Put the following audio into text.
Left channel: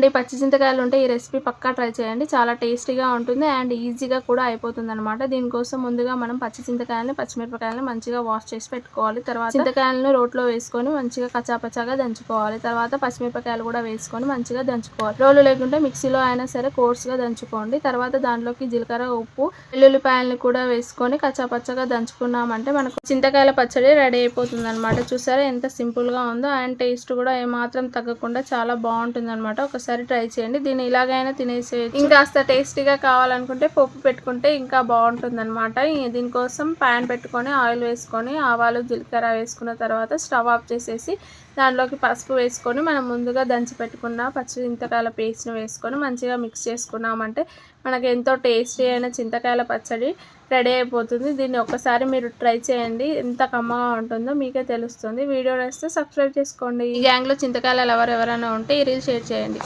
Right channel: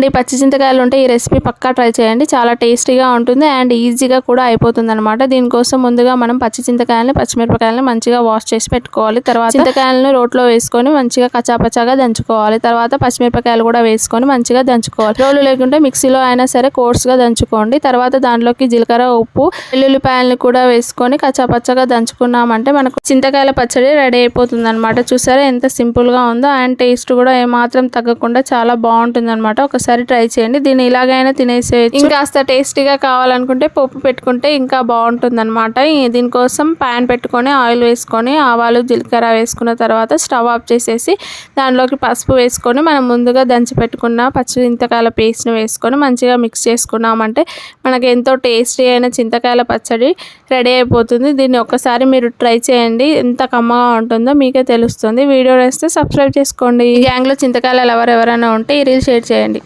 అండి పచ్చి చింతకాయలు ఉంటే ఈ రెసిపీ పక్కా ట్రై చేయండి. చాలా టేస్టీగా ఉంటుంది అండ్ ఈజీగా కూడా అయిపోతుంది అనమాట దీనికోసం ముందుగా మనం పచ్చి చింతకాయలని పచ్చిమిరపకాయలని మంచిగా వాష్ చేసి పెట్టుకోవాలి. తర్వాత చింతకాయలను రోట్లో వేసుకొని మంచిగా కచాపచాగా దంచుకోవాలి. తర్వాత పచ్చిమిరపకాయలు కూడా వేసుకొని మంచిగా దంచుకోవాలి. రోలు లేకుంటే మిక్సీలో అయినా సరే కోర్స్గా దంచుకోండి. తర్వాత దాంట్లోకి జీలకర్ర ఉప్పు వెల్లుల్లిపాయలని కూడా వేసుకొని కచాపచ్చగా దంచుకున్నామంటే మనకు చింతకాయల పచ్చడి రెడీ అయిపోతుంది అనమాట చూసారా ఎంత సింపుల్గా ఉందో అండ్ టేస్ట్ కూడా ఏమాత్రం తగ్గకుండా చాలా బాగుంటుంది అనమాట ఒకసారి ట్రై చేయండి. దీన్ని ఇలాగైనా తినేసేయచ్చు. ఇంకాస్త టేస్టీగా కావాలనుకుంటే పప్పు పెట్టుకుంటే ఇంకా బాగుంటుంది అనమాట దీనికోసం ప్యాన్ పెట్టుకొని ఆయిల్ వేసుకొని ఆవాలు జీలకర్ర వేసుకున్న తర్వాత స్టవ్ ఆఫ్ చేసేసి దానిలోకి పసుపు వేసుకొని మనం ముందుగా దంచి పెట్టుకున్న పచ్చి చింతకాయల పేస్ట్ని వేసుకొని మంచిగా మిక్స్ చేసుకున్నామంటే మనకి ఎంతో టేస్టీ అయిన చింతకాయల పచ్చడి రెడీ అయిపోతుంది. దీన్ని ఒక్కసారి మీరు ట్రై చేయండి. ఎంత కమ్మగా ఉంటుందో మీకే తెలుస్తుంది. వీడియో వేస్తే సబ్స్క్రైబ్ చేసుకోండి. ఈ గ్యాంగ్లో చింతకాయలు ఎవరు ఎవరైనా ఉంటే ఈ రీల్ షేర్ చేయండి.